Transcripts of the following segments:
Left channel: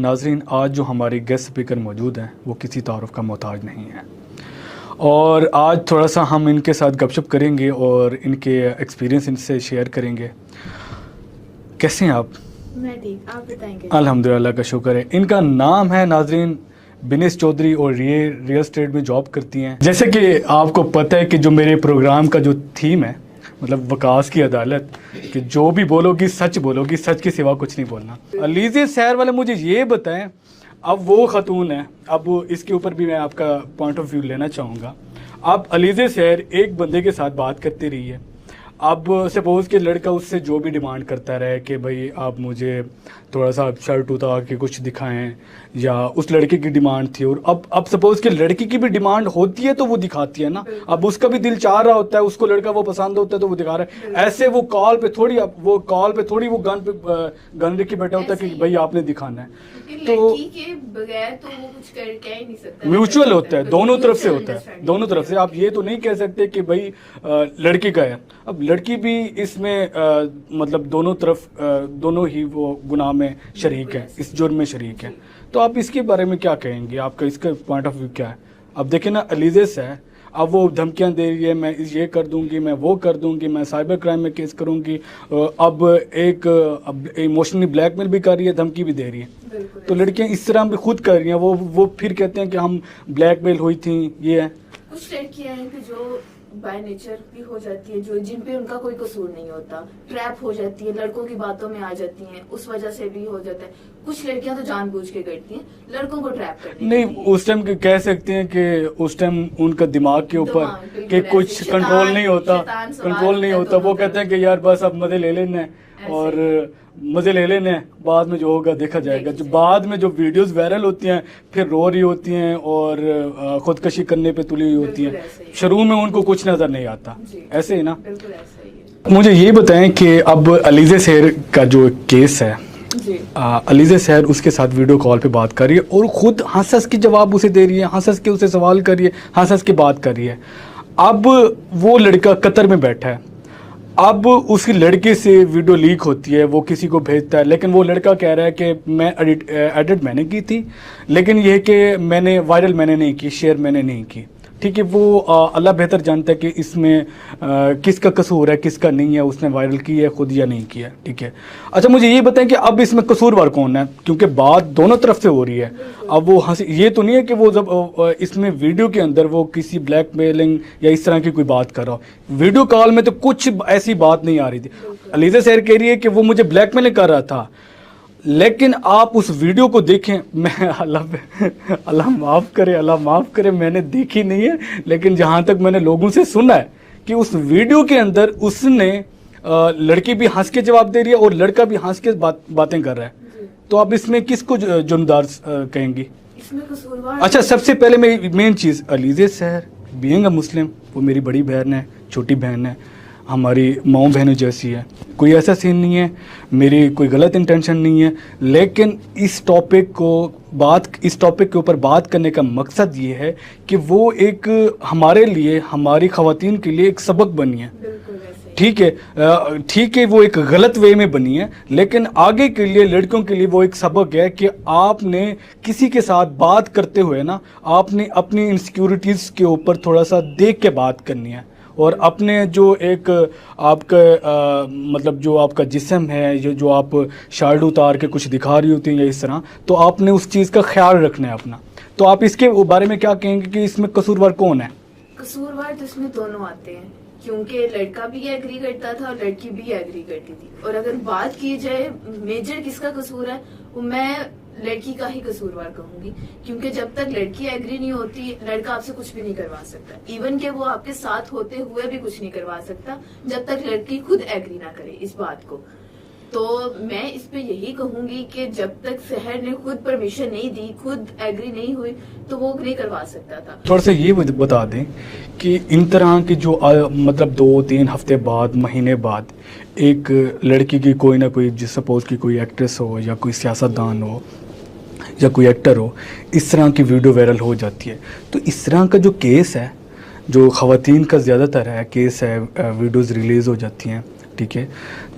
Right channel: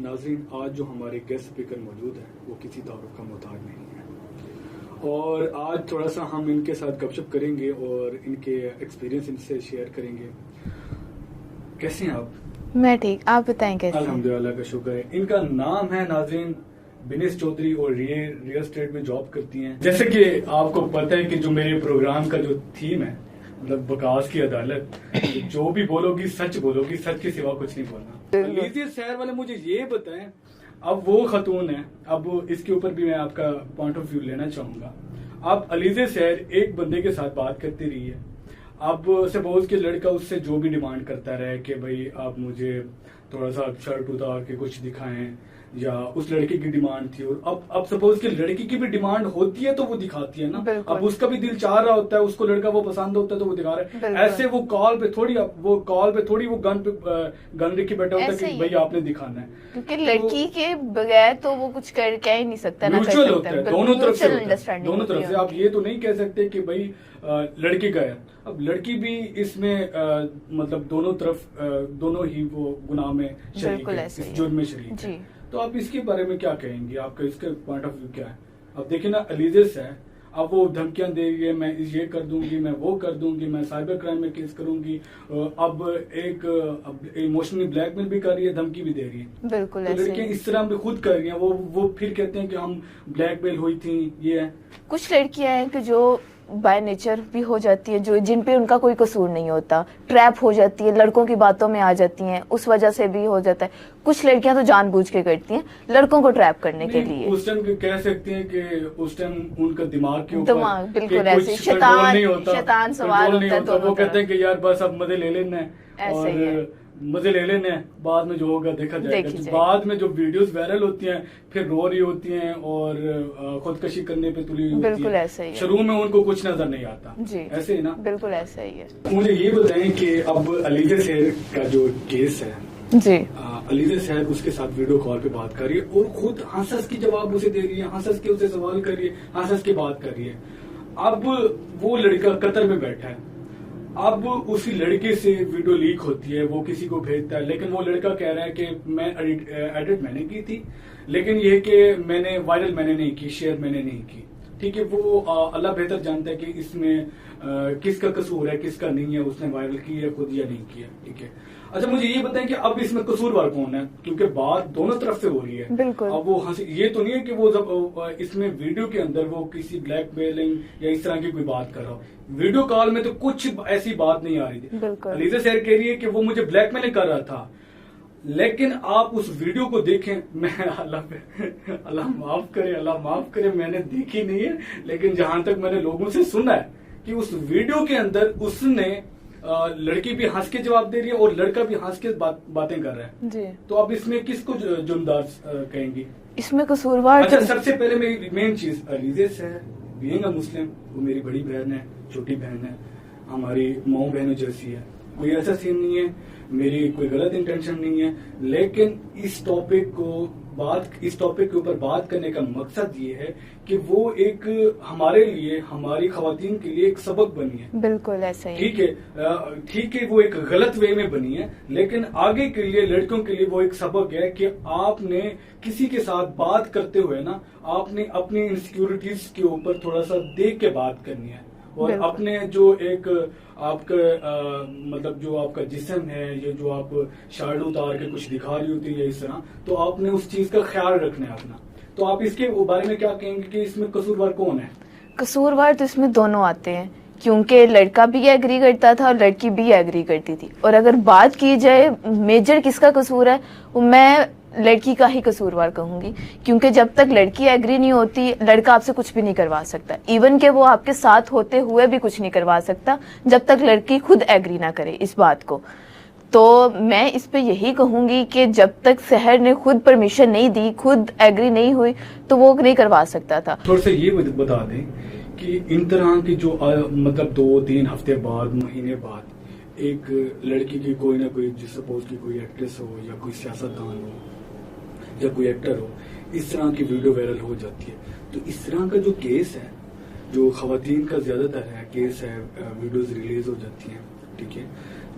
ناظرین، آج جو ہمارے گیسٹ اسپیکر موجود ہیں وہ کسی تعارف کا محتاج نہیں ہے، اور آج تھوڑا سا ہم ان کے ساتھ گپ شپ کریں گے اور ان کے ایکسپیرینس ان سے شیئر کریں گے۔ کیسے ہیں آپ؟ میں ٹھیک، آپ بتائیں کیسے؟ الحمدللہ، اللہ کا شکر ہے۔ ان کا نام ہے ناظرین بنیش چودھری اور ریئل اسٹیٹ میں جاب کرتی ہیں۔ جیسے کہ آپ کو پتہ ہے کہ جو میرے پروگرام کا جو تھیم ہے، مطلب وکاس کی عدالت، کہ جو بھی بولو گی سچ بولو گی، سچ کے سوا کچھ نہیں بولنا۔ علیزہ سحر والے مجھے یہ بتائیں، اب وہ خاتون ہے، اب اس کے اوپر بھی میں آپ کا پوائنٹ آف ویو لینا چاہوں گا۔ اب علیزہ سحر ایک بندے کے ساتھ بات کرتی رہی ہے، اب سپوز کہ لڑکا اس سے جو بھی ڈیمانڈ کرتا رہے کہ بھائی آپ مجھے تھوڑا سا شرٹ اتار کے کچھ دکھائیں، یا اس لڑکے کی ڈیمانڈ تھی، اور اب سپوز کہ لڑکی کی بھی ڈیمانڈ ہوتی ہے تو وہ دکھاتی ہے نا، اب اس کا بھی دل چاہ رہا ہوتا ہے، اس کو لڑکا وہ پسند ہوتا ہے تو وہ دکھا رہا ہے۔ ایسے وہ کال پہ تھوڑی وہ گن رکھ کے بیٹھا ہوتا ہے کہ بھائی آپ نے دکھانا ہے، کیونکہ لڑکی کے بغیر تو وہ کچھ کہہ ہی نہیں سکتا، میوچل ہوتا ہے، دونوں طرف سے ہوتا ہے، دونوں طرف سے۔ آپ یہ تو نہیں کہہ سکتے کہ بھائی لڑکی کا ہے، اب لڑکی بھی اس میں مطلب دونوں طرف دونوں ہی وہ گناہ میں شریک ہے، اس جرم میں شریک ہے۔ تو آپ اس کے بارے میں کیا کہیں گے؟ آپ کا اس کا پوائنٹ آف ویو کیا ہے؟ اب دیکھیں نا، علیزہ سے اب وہ دھمکیاں دے رہی ہے، میں یہ کر دوں گی، میں وہ کر دوں گی، میں سائبر کرائم میں کیس کروں گی، اب ایموشنلی بلیک میل بھی کر رہی ہے، دھمکی بھی دے رہی ہے۔ تو لڑکیاں اس طرح بھی خود کر رہی ہیں، وہ پھر کہتے ہیں کہ ہم بلیک میل ہوئی تھیں، یہ ہے۔ کچھ لڑکیاں ہیں کہ جو بائی نیچر بھی ہو جاتی ہیں، جن پہ ان کا کوئی قصور نہیں ہوتا، ٹریپ ہو جاتی ہے، لڑکوں کی باتوں میں آ جاتی ہیں، اس وجہ سے بھی ہو جاتا ہے۔ کچھ لڑکیاں تو جان بوجھ کے کرتی ہیں لڑکوں کو ٹریپ کرنے کے لیے۔ نہیں، اس ٹائم کہہ سکتے ہیں کہ اس ٹائم ان کا دماغ کے اوپر کہ کچھ کنٹرول نہیں ہوتا، وہ کہتے ہیں کہ یار بس اب مزے لے لینا ہے، اور مزے لے لینے ہیں، بعد میں جو ہوگا دیکھا جائے گا۔ جو بعد میں جو ویڈیوز وائرل ہوتی ہیں، پھر رو رہی ہوتی ہیں اور خودکشی کرنے پہ تلی ہوئی ہوتی ہے، شروع میں ان کو کچھ نظر نہیں آتا، ایسے ہی نا؟ بالکل ایسے ہی ہے۔ مجھے یہ بتائیں کہ اب علیزہ سحر کا جو کیس ہے، علیزہ سحر اس کے ساتھ ویڈیو کال پہ بات کر رہی ہے اور خود ہنس ہنس کے جواب اسے دے رہی ہے، ہنس ہنس کے اسے سوال کر رہی ہے، ہنس ہنس کے بات کر رہی ہے۔ اب وہ لڑکا قطر میں بیٹھا ہے، اب اس کی لڑکے سے ویڈیو لیک ہوتی ہے، وہ کسی کو بھیجتا ہے، لیکن وہ لڑکا کہہ رہا ہے کہ میں ایڈٹ میں نے کی تھی، لیکن یہ کہ میں نے وائرل میں نے نہیں کی، شیئر میں نے نہیں کی۔ ٹھیک ہے، وہ اللہ بہتر جانتا ہے کہ اس میں کس کا قصور ہے، کس کا نہیں ہے، اس نے وائرل کی ہے خود یا نہیں کیا۔ ٹھیک ہے، اچھا مجھے یہ بتائیں کہ اب اس میں قصوروار کون ہے؟ کیونکہ بات دونوں طرف سے ہو رہی ہے۔ اب وہ یہ تو نہیں ہے کہ وہ جب اس میں ویڈیو کے اندر وہ کسی بلیک میلنگ یا اس طرح کی کوئی بات کر رہا ہو، ویڈیو کال میں تو کچھ ایسی بات نہیں آ رہی تھی۔ علیزہ سحر کہہ رہی ہے کہ وہ مجھے بلیک میلنگ کر رہا تھا، لیکن آپ اس ویڈیو کو دیکھیں، میں اللہ معاف کرے میں نے دیکھی نہیں ہے، لیکن جہاں تک میں نے لوگوں سے سنا ہے کہ اس ویڈیو کے اندر اس نے لڑکی بھی ہنس کے جواب دے رہی ہے اور لڑکا بھی ہنس کے باتیں کر رہا ہے۔ تو آپ اس میں کس کو جرمدار کہیں گی؟ اس میں قصوروار، اچھا سب سے پہلے مین چیز، علیزہ سحر بینگ اے مسلم، وہ میری بڑی بہن ہے، چھوٹی بہن ہے، ہماری ماؤں بہنوں جیسی ہے، کوئی ایسا سین نہیں ہے، میری کوئی غلط انٹینشن نہیں ہے، لیکن اس ٹاپک کے اوپر بات کرنے کا مقصد یہ ہے کہ وہ ایک ہمارے لیے، ہماری خواتین کے لیے ایک سبق بنی ہے۔ بالکل ایسا ہی، ٹھیک ہے، وہ ایک غلط وے میں بنی ہے، لیکن آگے کے لیے لڑکوں کے لیے وہ ایک سبق ہے کہ آپ نے کسی کے ساتھ بات کرتے ہوئے نا، آپ نے اپنی انسیکیورٹیز کے اوپر تھوڑا سا دیکھ کے بات کرنی ہے، اور اپنے جو ایک آپ کا مطلب جو آپ کا جسم ہے، جو آپ شارٹ اتار کے کچھ دکھا رہی ہوتی ہیں یا اس طرح، تو آپ نے اس چیز کا خیال رکھنا ہے اپنا۔ تو آپ اس کے بارے میں کیا کہیں گے کہ اس میں قصوروار کون ہے؟ قصوروار تو اس میں دونوں آتے ہیں، کیونکہ لڑکا بھی ایگری کرتا تھا اور لڑکی بھی ایگری کرتی تھی، اور اگر بات کی جائے میجر کس کا قصور ہے، وہ میں لڑکی کا ہی قصوروار کہوں گی، کیونکہ جب تک لڑکی ایگری نہیں ہوتی، لڑکا آپ سے کچھ بھی نہیں کروا سکتا، ایون کہ وہ آپ کے ساتھ ہوتے ہوئے بھی کچھ نہیں کروا سکتا جب تک لڑکی خود ایگری نہ کرے اس بات کو۔ تو میں اس پہ یہی کہوں گی کہ جب تک سحر نے خود پرمیشن نہیں دی، خود ایگری نہیں ہوئی، تو وہ نہیں کروا سکتا تھا۔ تھوڑا سا یہ بتا دیں کہ ان طرح کی جو مطلب 2-3 ہفتے بعد، مہینے بعد ایک لڑکی کی کوئی نہ کوئی، جس سپوز کی کوئی ایکٹریس ہو یا کوئی سیاستدان ہو یا کوئی ایکٹر ہو، اس طرح کی ویڈیو وائرل ہو جاتی ہے، تو اس طرح کا جو کیس ہے، جو خواتین کا زیادہ تر ہے کیس ہے، ویڈیوز ریلیز ہو جاتی ہیں، ٹھیک ہے,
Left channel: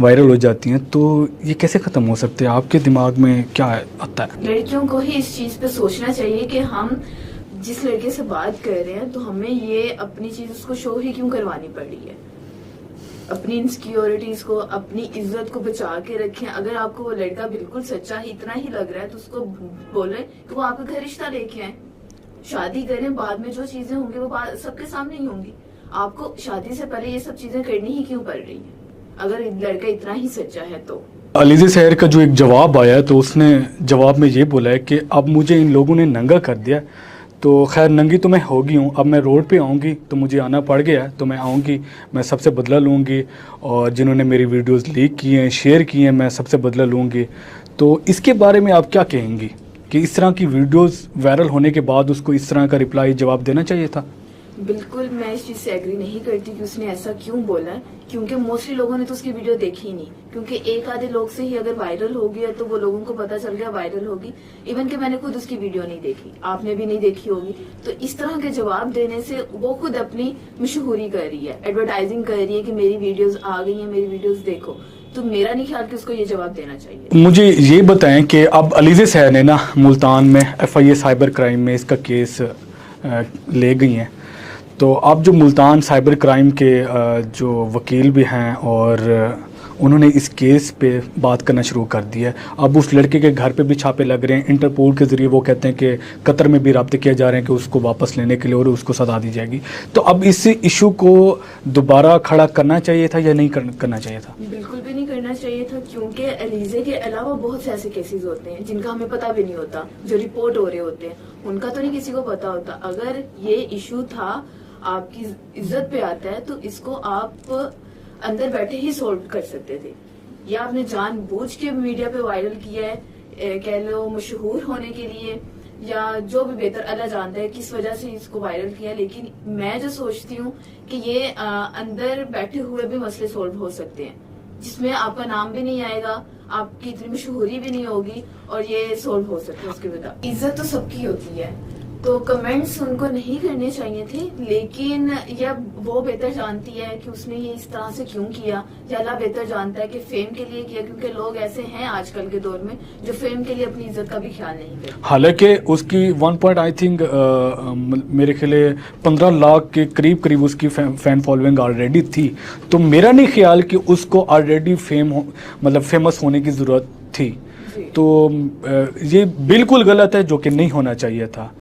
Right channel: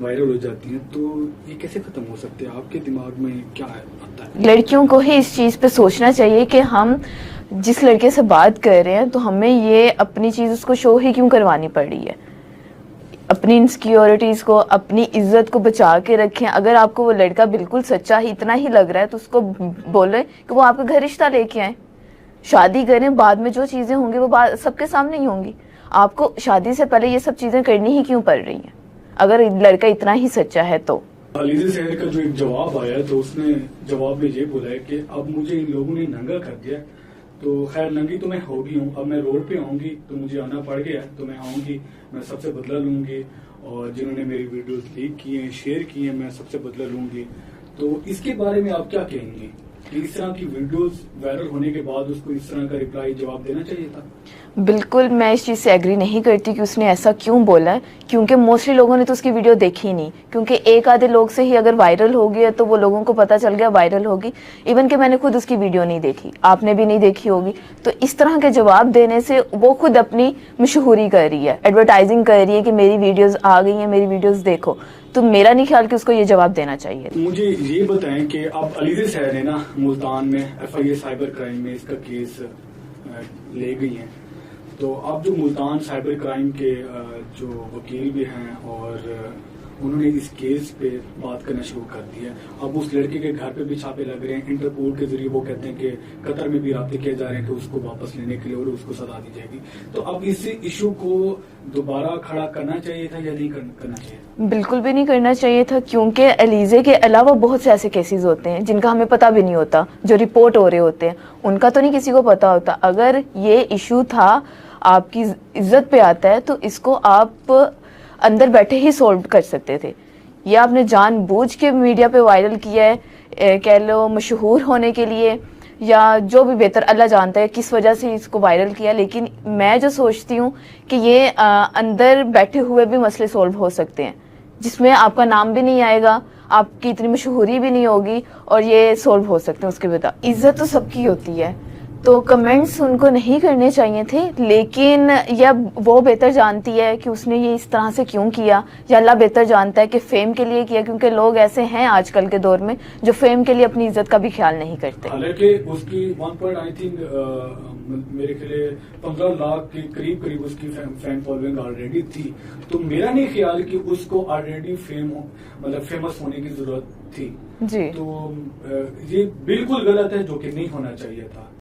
وائرل ہو جاتی ہیں, تو یہ کیسے ختم ہو سکتے ہیں؟ آپ کے دماغ میں کیا آتا ہے؟ لڑکیوں کو ہی اس چیز پہ سوچنا چاہیے کہ ہم جس لڑکے سے بات کر رہے ہیں تو ہمیں یہ اپنی چیز اس کو شو ہی کیوں کروانی پڑ رہی ہے. اپنی انسیکیورٹیز کو, اپنی عزت کو بچا کے رکھیں. اگر آپ کو وہ لڑکا بالکل سچا ہی اتنا ہی لگ رہا ہے تو اس کو بولیں کہ وہ آپ کے گھر رشتہ لے کے آئیں, شادی کریں, بعد میں جو چیزیں ہوں گی وہ سب کے سامنے ہی ہوں گی. آپ کو شادی سے پہلے یہ سب چیزیں کرنی ہی کیوں پڑ رہی ہیں اگر لڑکا اتنا ہی سچا ہے تو؟ علیزہ سحر کا جو ایک جواب آیا تو اس نے جواب میں یہ بولا ہے کہ اب مجھے ان لوگوں نے ننگا کر دیا, تو خیر ننگی تو میں ہوگی ہوں, اب میں روڈ پہ آؤں گی تو مجھے آنا پڑ گیا تو میں آؤں گی, میں سب سے بدلہ لوں گی, اور جنہوں نے میری ویڈیوز لیک کی ہیں, شیئر کی ہیں, میں سب سے بدلہ لوں گی. تو اس کے بارے میں آپ کیا کہیں گی کہ اس طرح کی ویڈیوز وائرل ہونے کے بعد اس کو اس طرح کا رپلائی جواب دینا چاہیے تھا؟ بالکل میں اس چیز سے ایگری نہیں کرتی کہ اس نے ایسا کیوں بولا ہے, کیونکہ موسٹلی لوگوں نے تو اس کی ویڈیو دیکھی ہی نہیں, کیونکہ ایک آدھے لوگ سے ہی اگر وائرل ہو گیا تو وہ لوگوں کو پتہ چل گیا وائرل ہوگی. ایون کہ میں نے خود اس کی ویڈیو نہیں دیکھی, آپ نے بھی نہیں دیکھی ہوگی. تو اس طرح کے جواب دینے سے وہ خود اپنی مشہوری کر رہی ہے, ایڈورٹائزنگ کر رہی ہے کہ میری ویڈیوز آ گئی ہیں, میری ویڈیوز دیکھو. تو میرا نہیں خیال کہ اس کو یہ جواب دینا چاہیے. مجھے یہ بتائیں کہ اب علیزہ سحر نے نا ملتان میں FIA سائبر کرائم میں اس کا کیس لے گئی ہیں, تو اب جو ملتان سائبر کرائم کے جو وکیل بھی ہیں اور انہوں نے اس کیس پہ بات کرنا شروع کر دی ہے. اب اس لڑکے کے گھر پہ بھی چھاپے لگ رہے ہیں, انٹرپول کے ذریعے وہ کہتے ہیں کہ قطر میں بھی رابطے کیے جا رہے ہیں کہ اس کو واپس لینے کے لیے اور اس کو سزا دی جائے گی. تو اب اس ایشو کو دوبارہ کھڑا کرنا چاہیے تھا یا نہیں کرنا چاہیے تھا؟ بالکل بھی نہیں کرنا چاہیے تھا, کیونکہ علیزہ کے علاوہ بہت سے ایسے کیسز ہوتے ہیں جن کا ہمیں پتہ بھی نہیں ہوتا, جو رپورٹ ہو رہے ہوتے ہیں ان کا تو نہیں کسی کو پتہ ہوتا. اگر یہ ایشو تھا آپ کی عزت پہ آتا ہے تو اس کو آپ اندر بیٹھے ہی سولو کر سکتے تھے. یہ آپ نے جان بوجھ کے میڈیا پہ وائرل کیا ہے, کہہ لو مشہور ہونے کے لیے یا جو بھی بہتر اللہ جانتا ہے کس وجہ سے اس کو وائرل کیا. لیکن میں جو سوچتی ہوں کہ یہ اندر بیٹھے ہوئے بھی مسئلے سولو ہو سکتے ہیں جس میں آپ کا نام بھی نہیں آئے گا, آپ کی اتنی مشہوری بھی نہیں ہوگی, اور یہ سولو ہو سکتے ہیں اس کے بتا. عزت تو سب کی ہوتی ہے, تو کمنٹس ان کو نہیں کرنے چاہیے تھے, لیکن یا وہ بہتر جانتی ہے کہ اس نے یہ اس طرح سے کیوں کیا, یا اللہ بہتر جانتا ہے کہ فیم کے لیے کیا, کیونکہ لوگ ایسے ہیں آج کل کے دور میں جو فیم کے لیے اپنی عزت کا بھی خیال نہیں کرتے. حالانکہ اس کی میرے خیال 15 لاکھ کے قریب اس کی فین فالوئنگ آلریڈی تھی, تو میرا نہیں خیال کہ اس کو آلریڈی فیمس ہونے کی ضرورت تھی. جی تو یہ بالکل غلط ہے, جو کہ نہیں ہونا چاہیے تھا.